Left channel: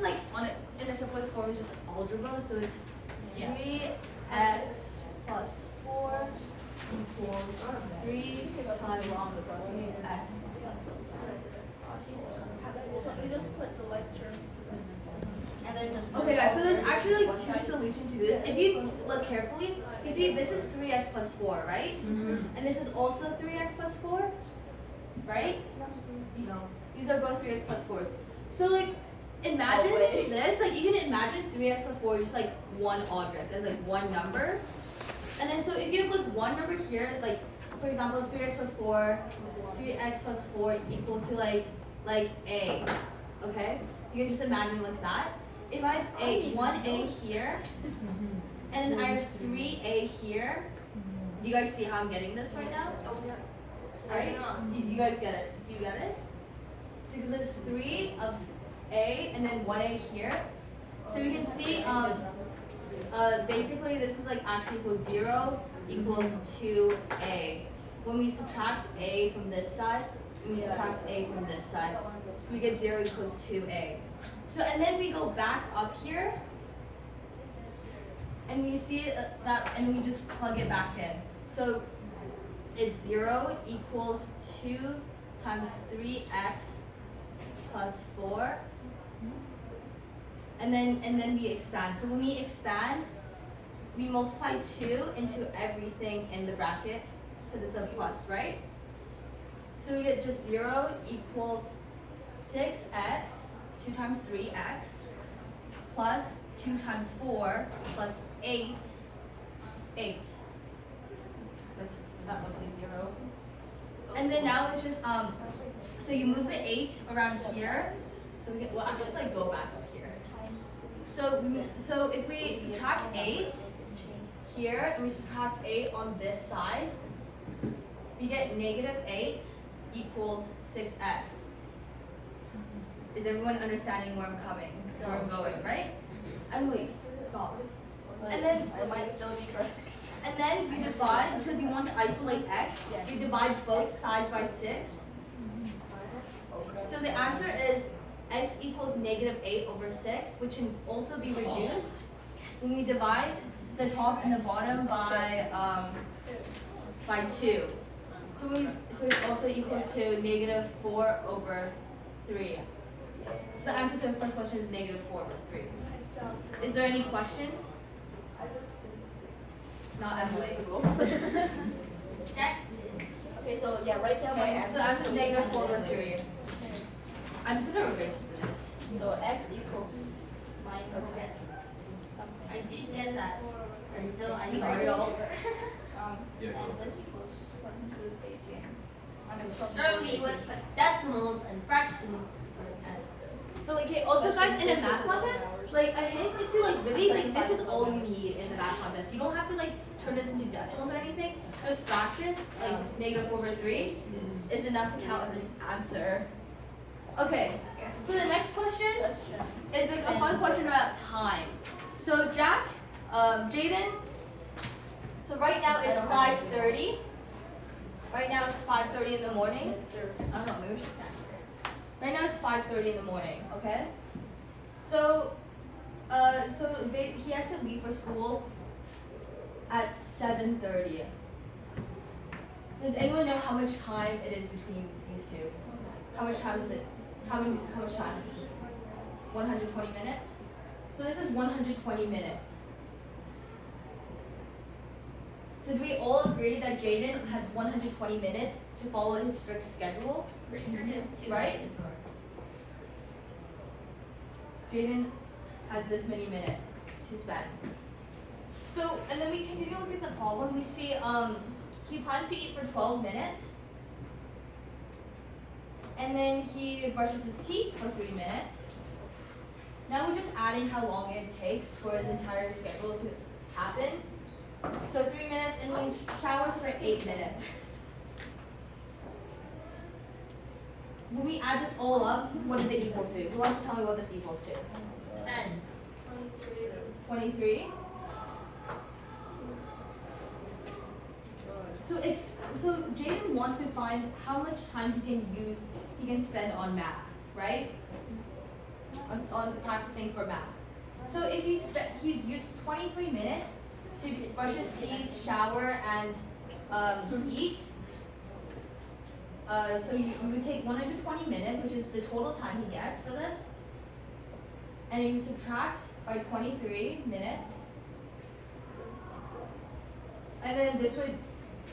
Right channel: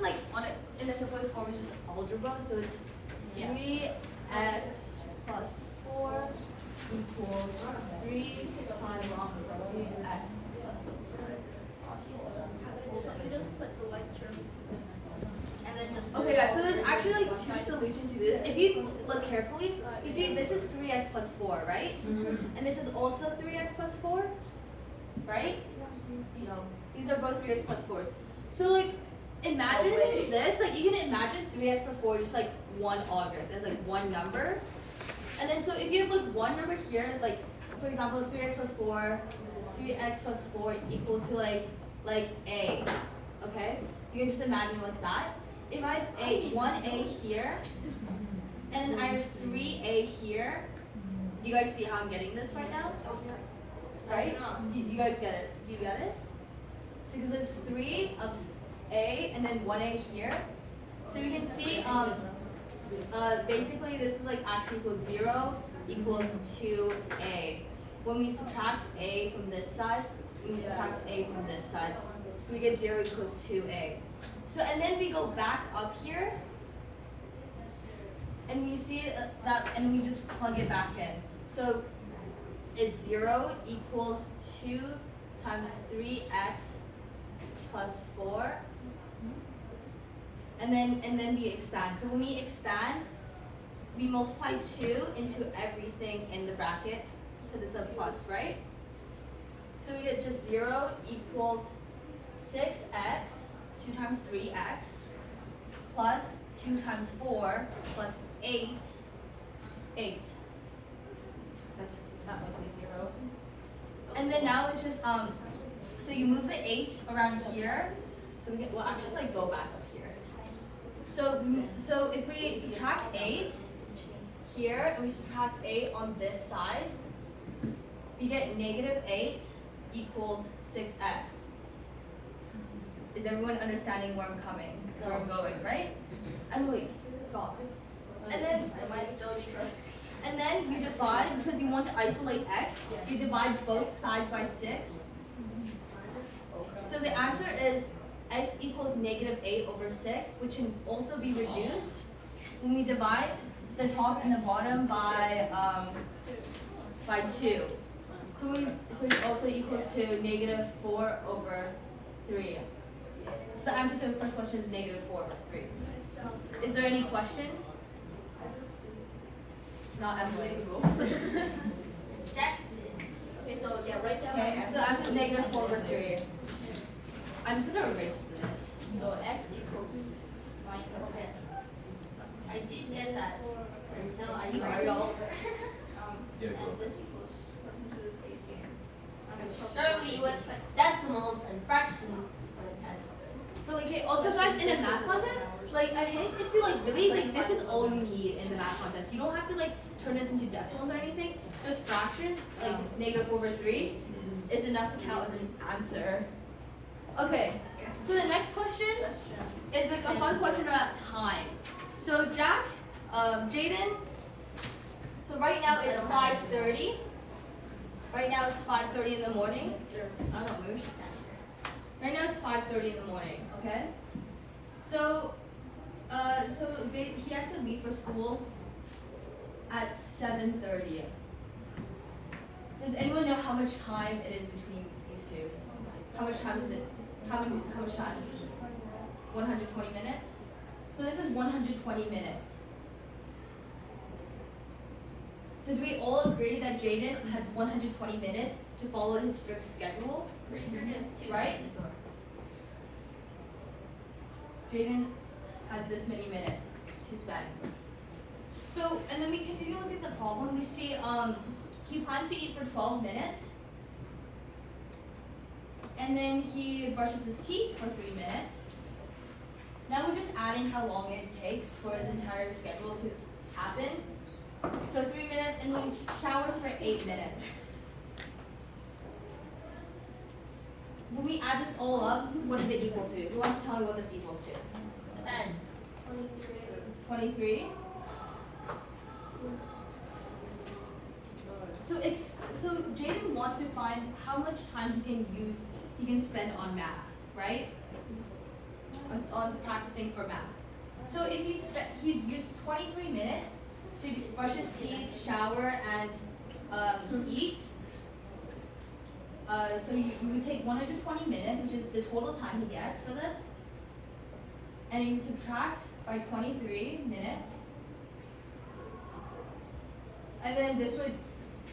question like in the simplest form is just algebra. So it's 3x plus 4 equals 3 times 2x plus 4. You just put the lecture. And then just Okay guys, so there's actually like two solutions to this. If you look carefully, you see this is 3x plus 4, right? And this is also 3x plus 4, right? These are both 3x plus 4s. So like, imagine this, like you can imagine 3x plus 4 just like one object, as like one number. And then so if you have like one number here, like for example, if 3x plus 4, 3x plus 4 equals to like a, okay? You can just imagine like that. If I have 1a here, and then I have 3a here, do you guys see how I'm getting this right now? Right? You guys get it? Do you get it? Because there's 3 of a and then 1a here. So you can see basically this is like actually equals 0 equals 2a. When we subtract a from this side, and we subtract a from this side, so we get 0 equals 2a. So and then we go back up here, and we see that, and we just plug it back in. So it's 0 equals 2 times 3x plus 4, and then we expand. So when we expand, we multiply 2 into everything in the bracket because it's a plus, right? So we get just 0 equals 6x, 2 times 3x, plus 2 times 4, plus 8. That would be 0. And then now it's just, so you move the 8 around here. So we get, well, I'll just like go back up here. So if we subtract 8 here, and we subtract 8 on this side, we get negative 8 equals 6x. Is everyone understanding where I'm going, right? Emily, stop. And then you divide, because you want to isolate x, you divide both sides by 6. So the answer is x equals negative 8 over 6, which can also be reduced when we divide the top and the bottom by 2. So it also equals to negative 4 over 3. So the answer to the first question is negative 4 over 3. Is there any questions? Not Emily. Okay, so yeah, write down. Okay, so the answer is negative 4 over 3. I'm just gonna erase this. So x equals minus. Okay. I did get that until I saw it all over. And this equals 22 is 18. Normally you would put decimals and fractions when it says. But like, hey, also guys, in a math contest, like I hate is to like really like this is all you need in the math contest. You don't have to like turn this into decimals or anything. Just fraction, like negative 4 over 3, is enough to count as an answer. Okay, so the next question is like a fun question about time. So Jack, Jaden, so right now it's 5:30. Right now it's 5:30 in the morning. I don't know, maybe we should stand here. Right now it's 5:30 in the morning, okay? So, he has to leave for school at 7:30. Does anyone know how much time it is between these two? How much time is it? How much time? 120 minutes? So this is 120 minutes. So do we all agree that Jaden has 120 minutes to follow his strict schedule? Right? Jaden has this many minutes to spend. So, and then we continue to look at the problem. We see he plans to eat for 12 minutes. And then he brushes his teeth for 3 minutes. Now we're just adding how long it takes for his entire schedule to happen. So 3 minutes, and he showers for 8 minutes. When we add this all up, what is it equal to? Who wants to tell me what this equals to? 10. 23? So Jaden wants to find how much time he can spend on math, right? on practicing for math. So if he's used 23 minutes to brush his teeth, shower, and eat. So you would take 120 minutes, which is the total time he gets for this, and you subtract by 23 minutes, and then this would,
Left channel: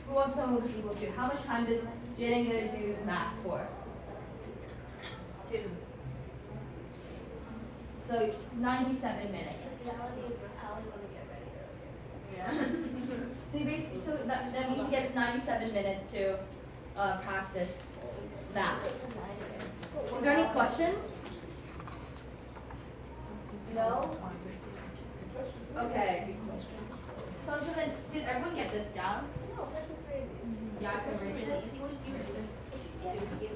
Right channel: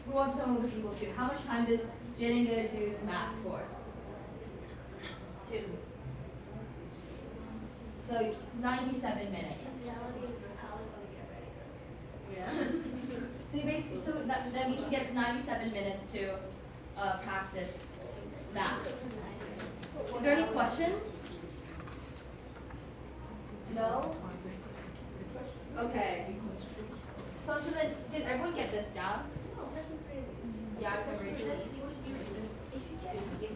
who wants to tell me what this equals to? How much time does Jenny gonna do math for? 2. So 97 minutes. Yeah. So you basically, so that means he gets 97 minutes to practice math. Is there any questions? No? Okay. So then, did everyone get this down? Yeah, I can erase it. Erase it.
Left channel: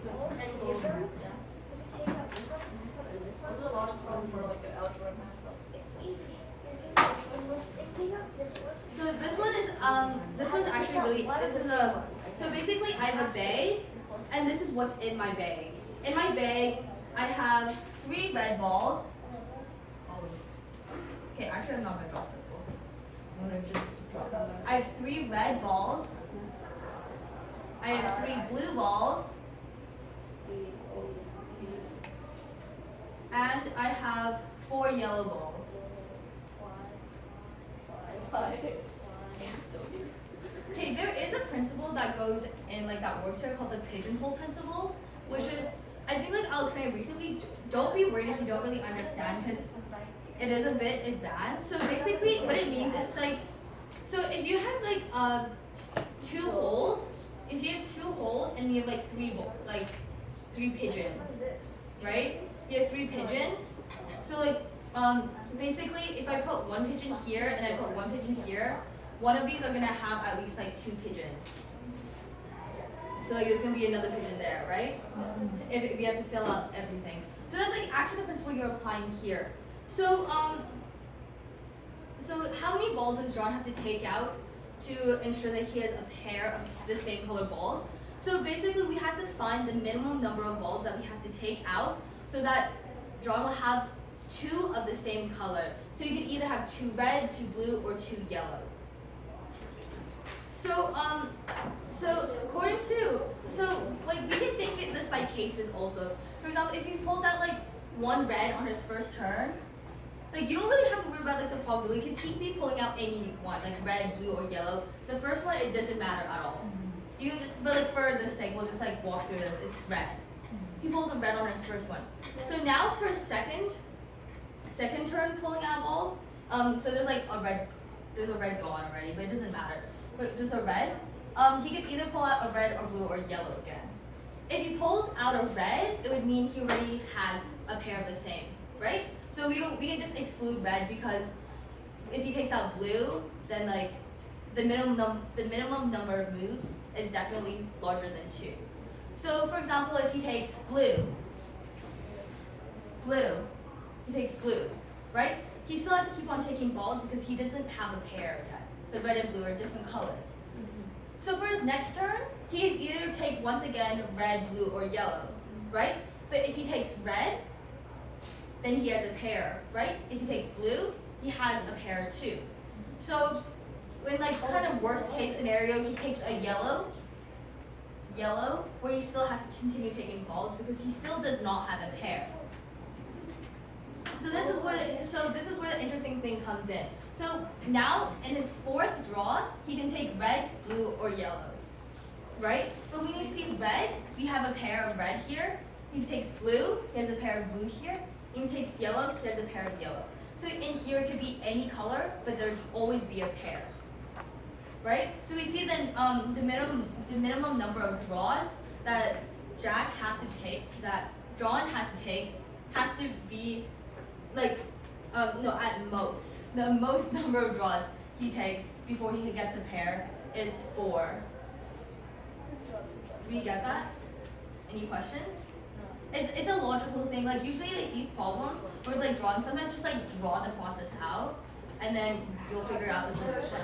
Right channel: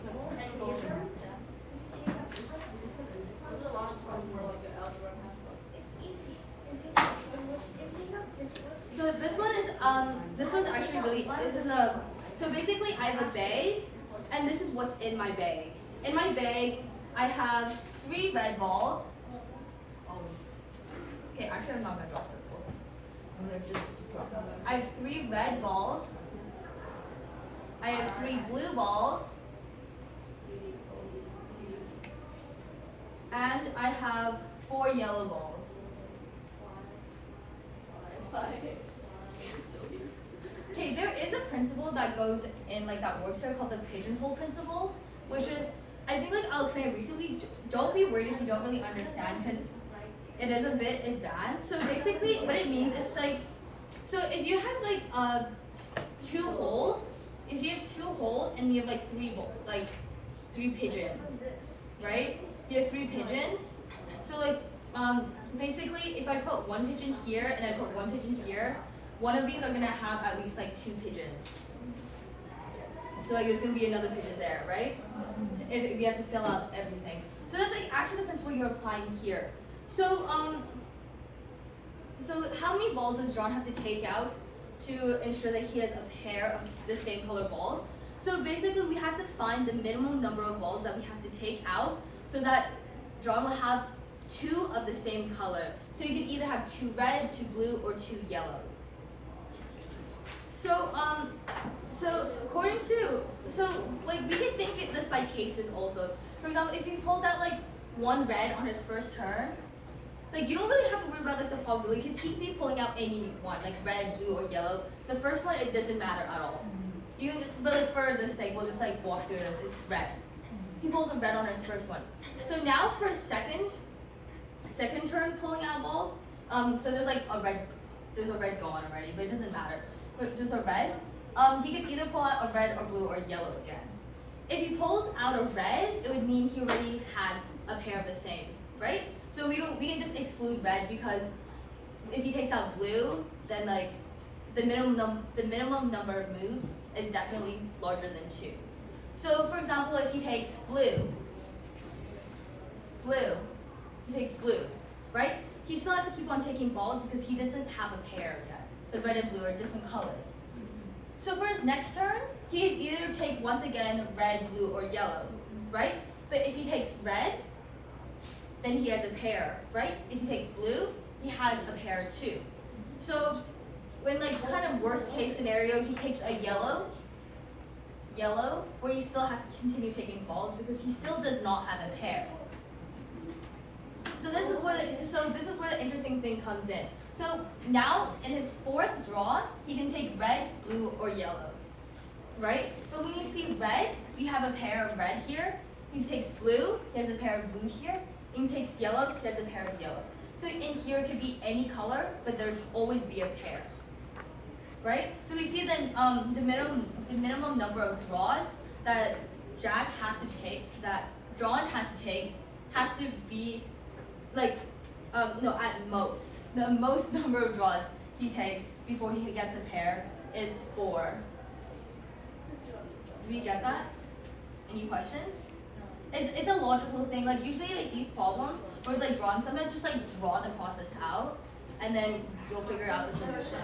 There's a lot of fun for like the algebra math. So this one's actually really, so basically I have a bag, and this is what's in my bag. In my bag, I have 3 red balls. Okay, actually I'm not gonna draw circles. I'm gonna just draw. I have 3 red balls. I have 3 blue balls. And I have 4 yellow balls. Okay, there is a principle that goes in like that works there called the pigeonhole principle, which is, I think like I'll explain it briefly. Don't be worried if you don't really understand because it is a bit advanced. So basically what it means is like, so if you have like 2 holes, if you have 2 holes and you have like 3 pigeons, right? You have 3 pigeons. So like basically if I put 1 pigeon here and I put 1 pigeon here, one of these are gonna have at least like 2 pigeons. So like there's gonna be another pigeon there, right? If you have to fill out everything. So that's like actually the principle you're applying here. So so how many balls does John have to take out to ensure that he has a pair of the same color balls? So basically we have to find the minimum number of balls that we have to take out so that John will have 2 of the same color. So you can either have 2 red, 2 blue, or 2 yellow. So according to, like we can think this by cases also. For example, if he pulls out like 1 red on his first turn, like you don't really have to worry about like the probability because he can be pulling out any one, like red, blue, or yellow. The first one, it doesn't matter at all. But like for this sake, we'll just like walk through this. It's red. He pulls a red on his first one. So now for second turn pulling out balls, so there's like there's a red gone already, but it doesn't matter. But there's a red. He could either pull out a red or blue or yellow again. If he pulls out a red, it would mean he already has a pair of the same, right? So we can just exclude red because if he takes out blue, then like the minimum number of moves is definitely larger than 2. So for example, if he takes blue, he takes blue, right? He still has to keep on taking balls because he doesn't have a pair yet. Because red and blue are different colors. So for his next turn, he can either take once again red, blue, or yellow, right? But if he takes red, then he has a pair, right? If he takes blue, he has a pair too. So in like kind of worst case scenario, he takes a yellow, where he still has to continue taking balls because he still does not have a pair. So this is where the interesting thing comes in. So now in his 4th draw, he can take red, blue, or yellow, right? But when you see red, we have a pair of red here. If he takes blue, he has a pair of blue here. If he takes yellow, he has a pair of yellow. So in here it could be any color, but there'd always be a pair, right? So we see then the minimum number of draws that Jack has to take, that John has to take, has to be like no, at most. The most number of draws he takes before he gets a pair is 4. Do we get that? Any questions? It's a logical thing. Like usually like these problems where like drawing, sometimes just like draw the process out and then you'll figure out the solution.